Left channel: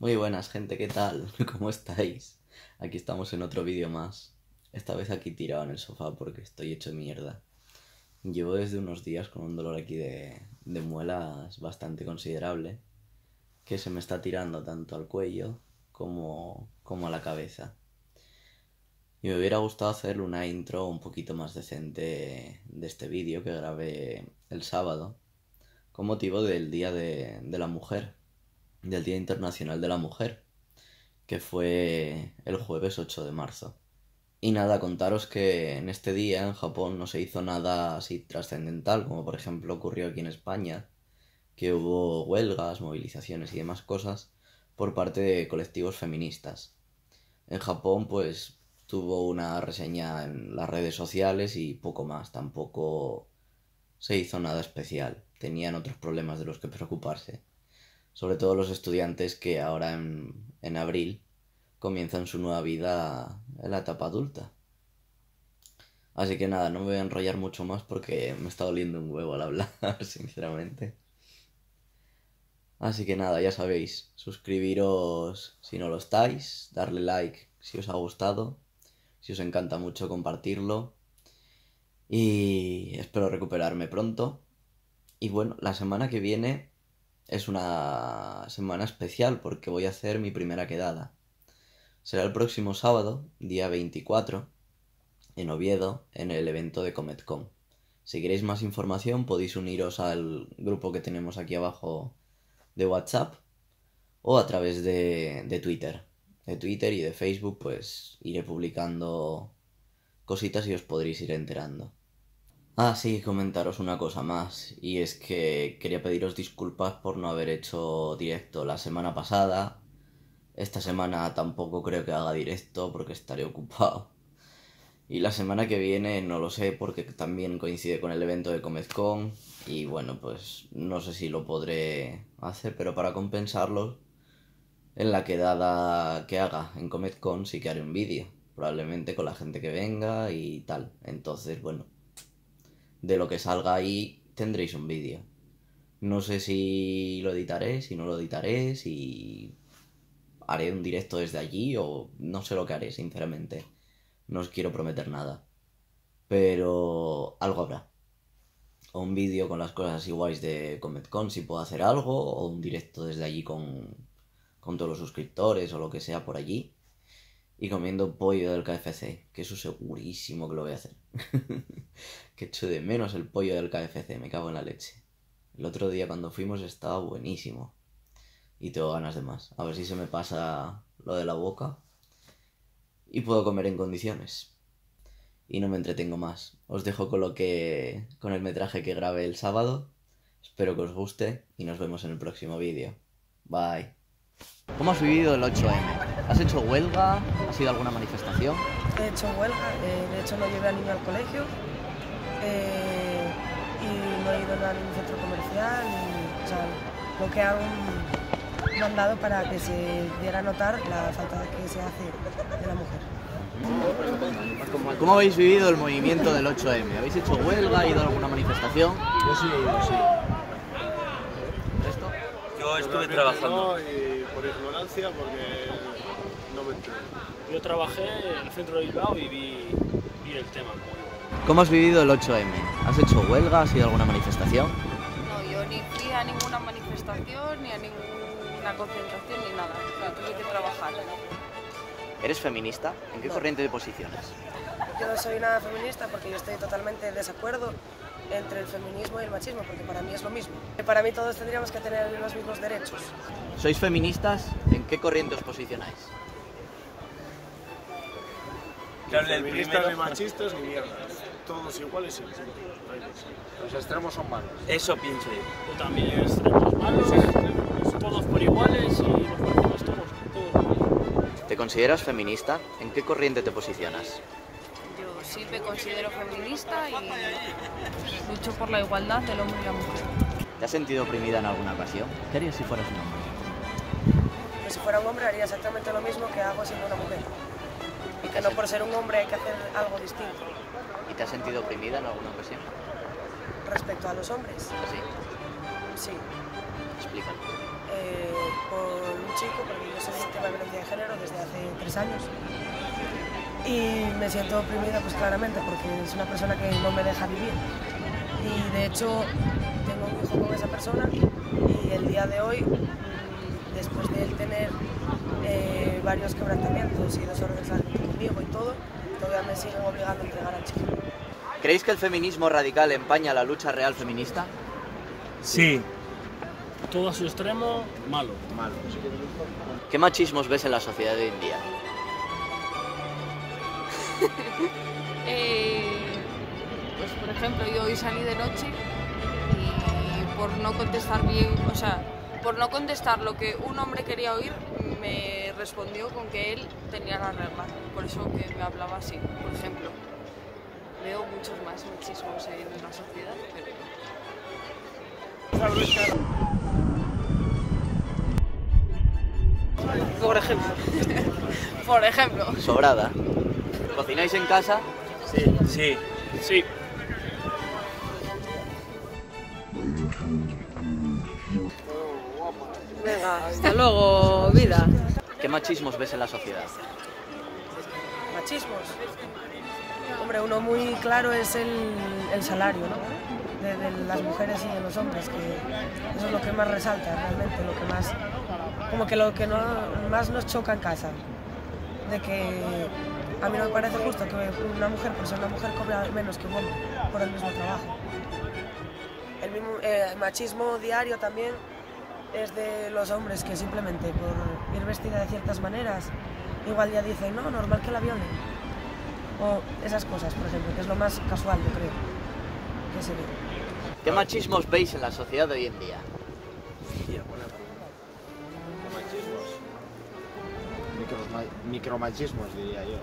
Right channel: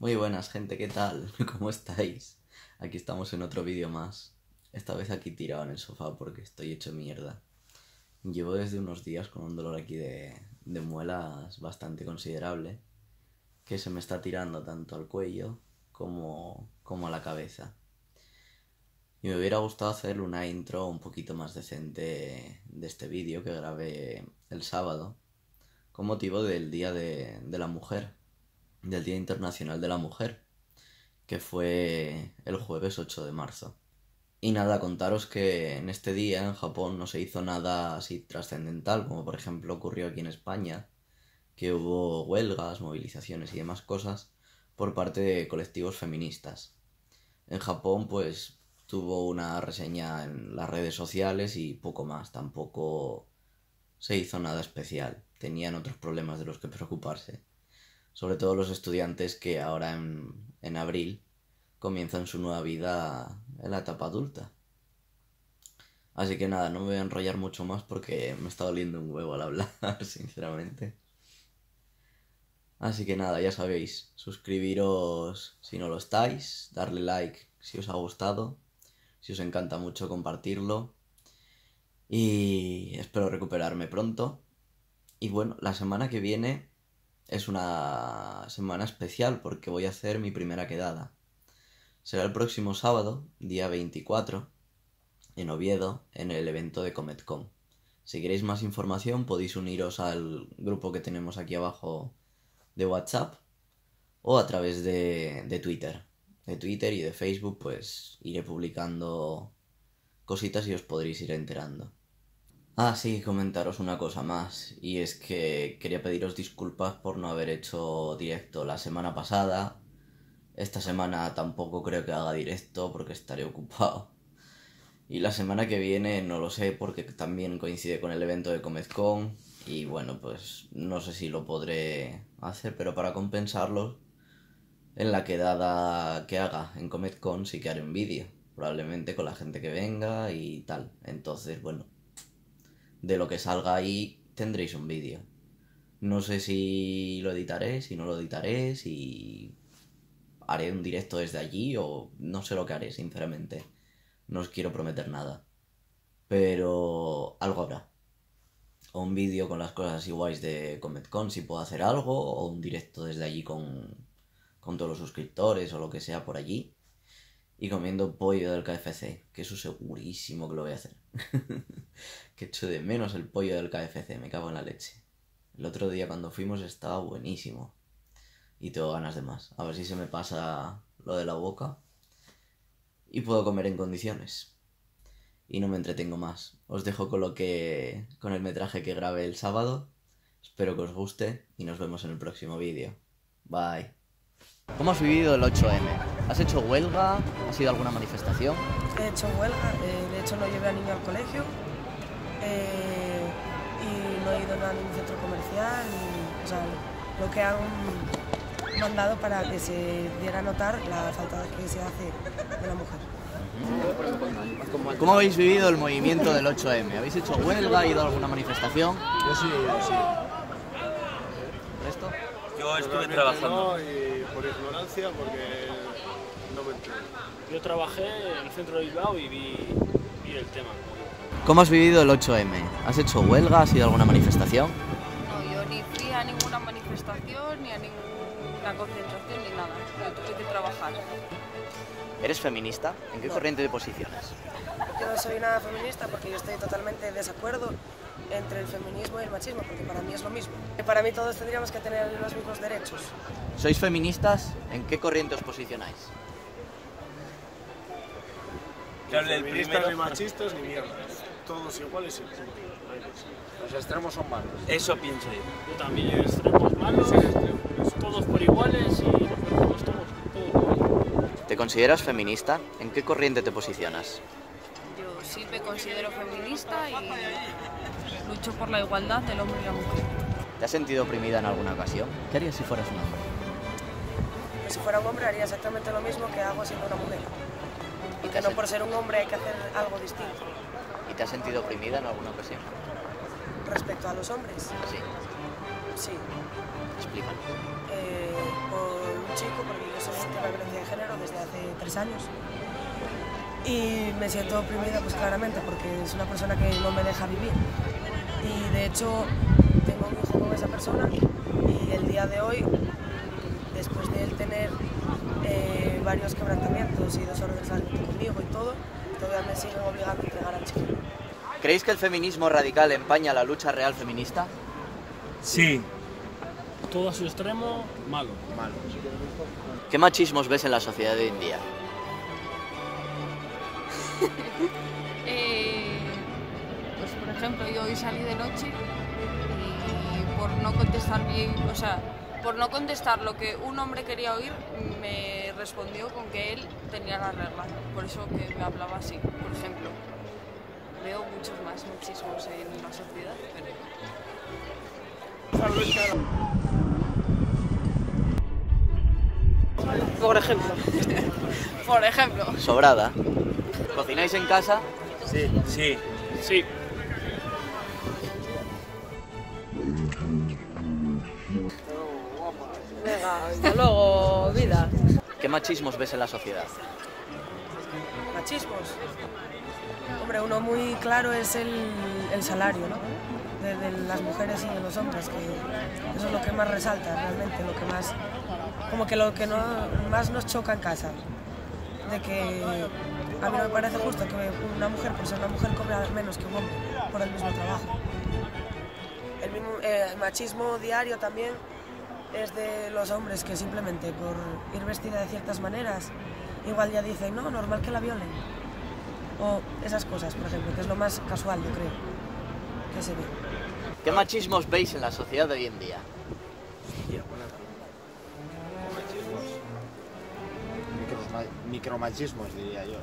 Muy buenas, gente, ¿qué tal? ¿Cómo estáis? Aquí estamos en otro vídeo más. Esta vez aquí tirado en el sofá porque estoy hecho mierda. Llevo desde unos días con un dolor aquí de muelas bastante considerable, que se me está tirando tanto al cuello como a la cabeza. Y me hubiera gustado hacer una intro un poquito más decente de este vídeo que grabé el sábado, con motivo del Día de la Mujer, del Día Internacional de la Mujer, que fue el jueves 8 de marzo. Y nada, contaros que en este día en Japón no se hizo nada así trascendental, como por ejemplo ocurrió aquí en España, que hubo huelgas, movilizaciones y demás cosas por parte de colectivos feministas. En Japón pues tuvo una reseña en las redes sociales y poco más, tampoco se hizo nada especial, tenían otros problemas de los que preocuparse, sobre todo los estudiantes que ahora en abril comienzan su nueva vida en la etapa adulta. Así que nada, no me voy a enrollar mucho más porque me está doliendo un huevo al hablar, sinceramente. Así que nada, ya sabéis, suscribiros si no lo estáis, darle like si os ha gustado, si os encanta mucho compartirlo y espero recuperarme pronto. Y bueno, la semana que viene es una semana especial porque voy a hacer mi primera quedada. Será el próximo sábado, día 24, en Oviedo, en el evento de CometCon. Si queréis más información podéis uniros al grupo que tenemos aquí abajo de WhatsApp o a través de Twitter. De Twitter y de Facebook pues iré publicando cositas y os podréis ir enterando. Ah, sí, comentaros una cosa más, y es que quería pediros disculpas por no haber hecho directo la semana pasada. Esta semana tampoco creo que haga directo porque estaré ocupado. Y la semana que viene no lo sé porque también coincide con el evento de ComezCon y bueno, pues no sé si lo podré hacer, pero para compensarlo, en la quedada que haga en ComezCon sí que haré un vídeo, probablemente con la gente que venga y tal. Entonces, bueno, de lo que salga ahí tendréis un vídeo. No sé si lo editaré, si no lo editaré, si haré un directo desde allí o no sé lo que haré, sinceramente. No os quiero prometer nada. Pero algo habrá. O un vídeo con las cosas así guays de CometCon si puedo hacer algo, o un directo desde allí con todos los suscriptores o lo que sea por allí. Y comiendo pollo del KFC, que eso segurísimo que lo voy a hacer. Que echo de menos el pollo del KFC, me cago en la leche. El otro día cuando fuimos estaba buenísimo. Y tengo ganas de más. A ver si se me pasa lo de la boca y puedo comer en condiciones. Y no me entretengo más. Os dejo con el metraje que grabé el sábado. Espero que os guste y nos vemos en el próximo vídeo. Bye. ¿Cómo has vivido el 8M? ¿Has hecho huelga? ¿Has ido a alguna manifestación? He hecho huelga, de hecho no llevé al niño al colegio y no he ido a ningún centro comercial, o sea, lo que han mandado para que se diera a notar la falta que se hace de la mujer. ¿Cómo habéis vivido el movimiento del 8M? ¿Habéis hecho huelga? ¿Ido a alguna manifestación? Yo sí. ¿Esto? Yo estuve trabajando. No, y por ignorancia, porque no me entero. Yo trabajé en el centro de Bilbao y vi el tema. ¿Cómo has vivido el 8M? ¿Has hecho huelga? ¿Has ido a alguna manifestación? No, yo ni fui a ninguna manifestación, ni a ninguna concentración, ni nada. Yo tuve que trabajar. ¿Eres feminista? ¿En qué No. corriente de posiciones? Yo no soy nada feminista porque yo estoy totalmente en desacuerdo entre el feminismo y el machismo, porque para mí es lo mismo. Para mí todos tendríamos que tener los mismos derechos. ¿Sois feministas? ¿En qué corriente os posicionáis? Claro, Ni el feministas, primero. ni machistas, ni mierdas. Todos iguales y punto. No hay más. Los extremos son malos. Eso pienso yo. Yo también extremos malos, todos por iguales y nos estamos todos. ¿Te consideras feminista? ¿En qué corriente te posicionas? Yo sí me considero feminista y lucho por la igualdad del hombre y la mujer. ¿Te has sentido oprimida en alguna ocasión? ¿Qué harías si fueras un hombre? Pues si fuera un hombre haría exactamente lo mismo que hago siendo una mujer. Y que no por ser un hombre hay que hacer algo distinto. ¿Y te has sentido oprimida en alguna ocasión? Respecto a los hombres, Sí. sí. Explícalo. Por un chico, porque soy víctima de violencia de género desde hace 3 años. Y me siento oprimida, pues claramente, porque es una persona que no me deja vivir. Y de hecho, tengo un hijo con esa persona y el día de hoy, después de él tener varios quebrantamientos y 2 órdenes de alzamiento conmigo y todo, todavía me siguen obligando a entregar al chiquillo. ¿Creéis que el feminismo radical empaña la lucha real feminista? Sí. Todo a su extremo, malo. ¿Qué machismos ves en la sociedad de hoy en día? Pues por ejemplo, yo hoy salí de noche y por no contestar bien, o sea, por no contestar lo que un hombre quería oír, me respondió con que él tenía la regla. Por eso que me hablaba así, por ejemplo. Veo muchos más machismos en la sociedad, pero... Por ejemplo. Por ejemplo. Sobrada. ¿Cocináis en casa? Sí. Sí. Hasta luego, vida. ¿Qué machismos ves en la sociedad? Machismos. Hombre, uno muy claro es el salario, ¿no? De las mujeres y de los hombres, que eso es lo que más resalta realmente, lo que más, como que lo que más nos choca en casa. De que a mí no me parece justo que una mujer, por ser una mujer, cobre menos que un hombre por el mismo trabajo. El machismo diario también es de los hombres que simplemente por ir vestida de ciertas maneras igual ya dicen, no, normal que la violen. O esas cosas, por ejemplo, que es lo más casual, yo creo, que se ve. ¿Qué machismos veis en la sociedad de hoy en día? Hostia, buena pregunta. Micromachismos, diría yo.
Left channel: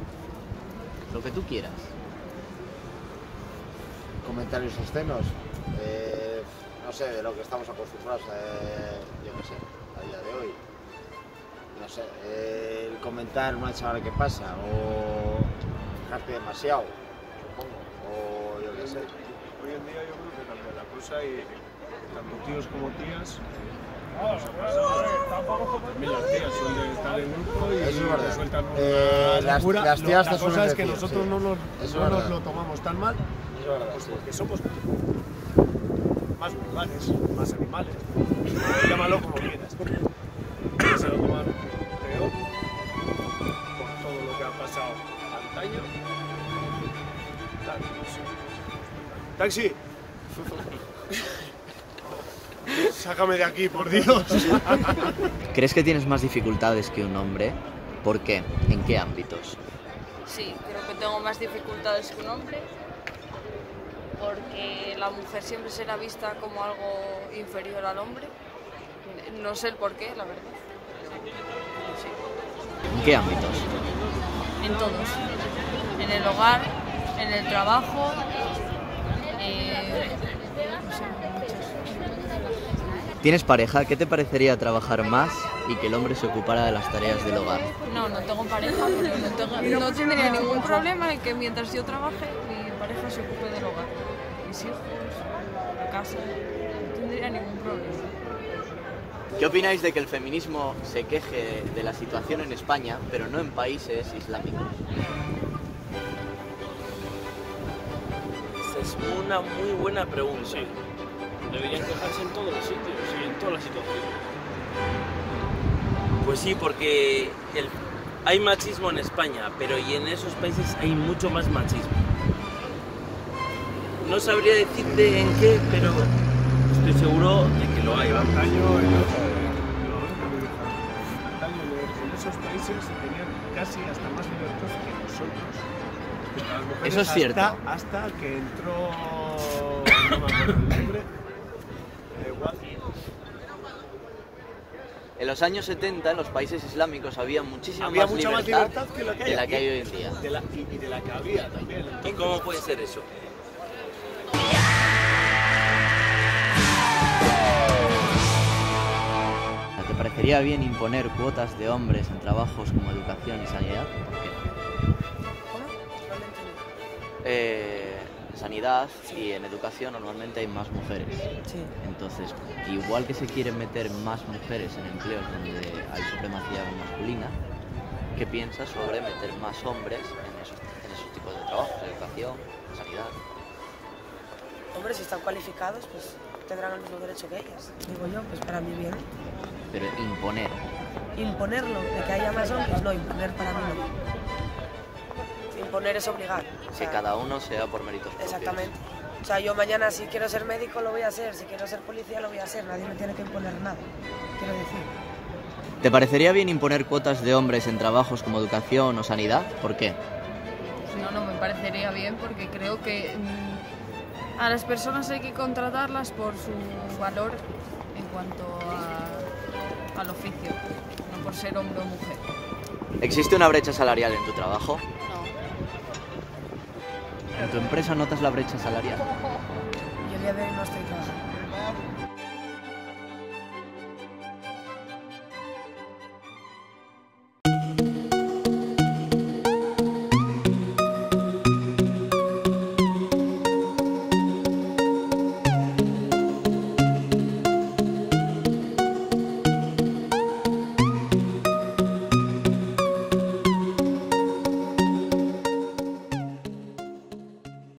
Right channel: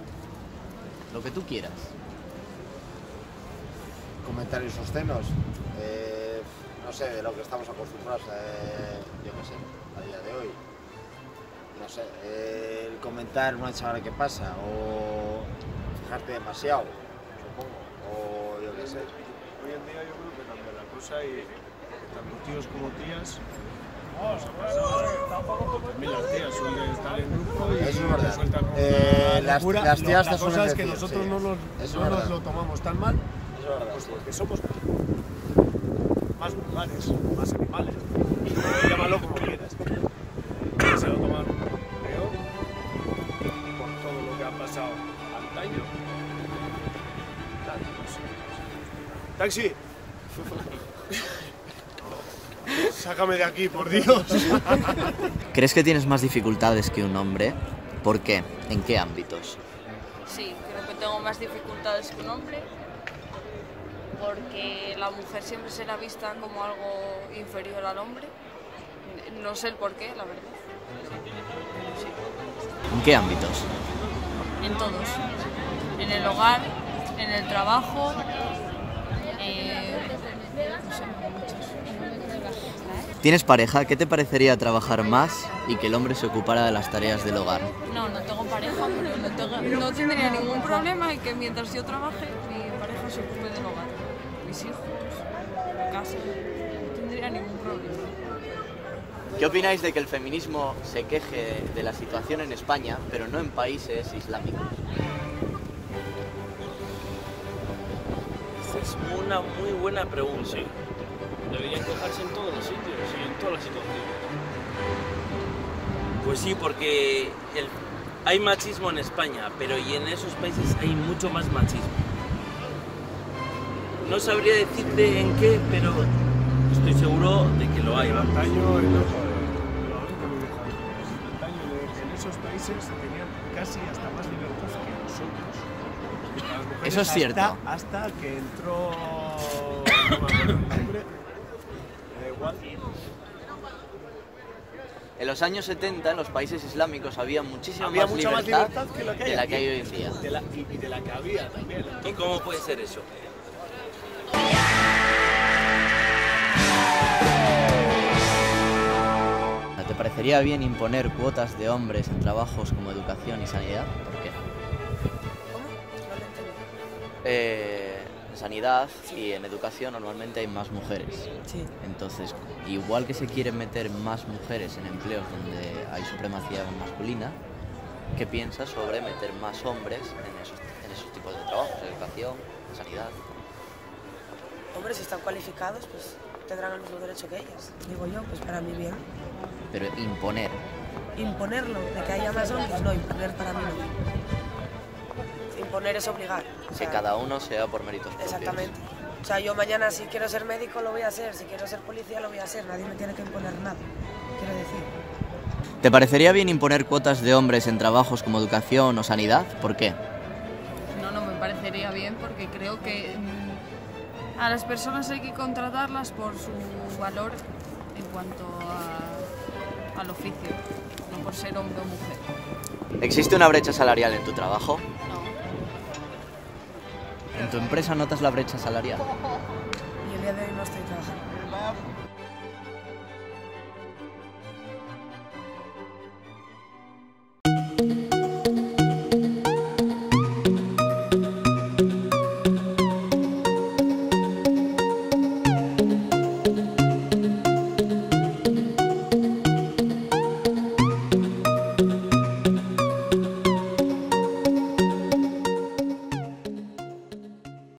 Lo que tú quieras. Comentarios obscenos. No sé, de lo que estamos acostumbrados, yo no sé, a día de hoy. No sé, el comentar a una chavala que pasa, o fijarte demasiado, supongo, o yo qué sé. Hoy en día yo creo que cambia la cosa y tanto tíos como tías nos ha pasado. También las tías suelen estar en grupo y Eso es verdad. te sueltan una Las locura. tías La te cosa suelen es que decir, nosotros sí. no Eso nos es verdad. lo tomamos tan mal, Es verdad. pues porque somos más vulgares, más animales. Llámalo como quieras. Se lo toman peor por todo lo que ha pasado antaño. Claro, no sé. ¡Taxi! Sácame de aquí, por Dios. ¿Crees que tienes más dificultades que un hombre? ¿Por qué? ¿En qué ámbitos? Sí, creo que tengo más dificultades que un hombre, porque la mujer siempre será vista como algo inferior al hombre. No sé el por qué, la verdad. Pero sí. ¿En qué ámbitos? En todos. En el hogar, en el trabajo, no sé, muchos. ¿Tienes pareja? ¿Qué te parecería trabajar más y que el hombre se ocupara de las tareas del hogar? No, no tengo pareja, pero no tendría ningún problema en que mientras yo trabaje, mi pareja se ocupe del hogar. Mis hijos, la casa, no tendría ningún problema. ¿Qué opináis de que el feminismo se queje de la situación en España, pero no en países islámicos? Esa es una muy buena pregunta. Deberían quejarse en todos los sitios y en todas las situaciones. Pues sí, porque hay machismo en España, pero y en esos países hay mucho más machismo. No sabría decirte en qué, pero estoy seguro de que lo hay. En Vamos. antaño, en esos países tenían casi hasta más libertad que nosotros. Las mujeres Eso es cierto. Hasta que entró, no me acuerdo el nombre, da igual. En los años 70, en los países islámicos, había muchísima Había más mucha más libertad que lo que hay de la aquí. que hay hoy en día. Y de la que había también. ¿Y Entonces, cómo puede ser eso? ¿Te parecería bien imponer cuotas de hombres en trabajos como educación y sanidad? ¿Por qué? ¿Cómo? No lo entendí. En sanidad y en educación normalmente hay más mujeres. Sí. Entonces, igual que se quieren meter más mujeres en empleos donde hay supremacía masculina, ¿qué piensas sobre meter más hombres en esos tipos de trabajos? Educación, sanidad. Hombre, si están cualificados, pues tendrán el mismo derecho que ellas. Digo yo, pues para mí bien. Pero imponer. Imponerlo, de que haya más hombres, no, imponer para mí no. Imponer es obligar. O sea, Que cada uno sea por méritos propios. exactamente. O sea, yo mañana si quiero ser médico lo voy a ser, si quiero ser policía lo voy a hacer, nadie me tiene que imponer nada, quiero decir. ¿Te parecería bien imponer cuotas de hombres en trabajos como educación o sanidad? ¿Por qué? No me parecería bien porque creo que a las personas hay que contratarlas por su valor en cuanto al oficio, no por ser hombre o mujer. ¿Existe una brecha salarial en tu trabajo? No. ¿En tu empresa notas la brecha salarial? Y el día de hoy no estoy trabajando.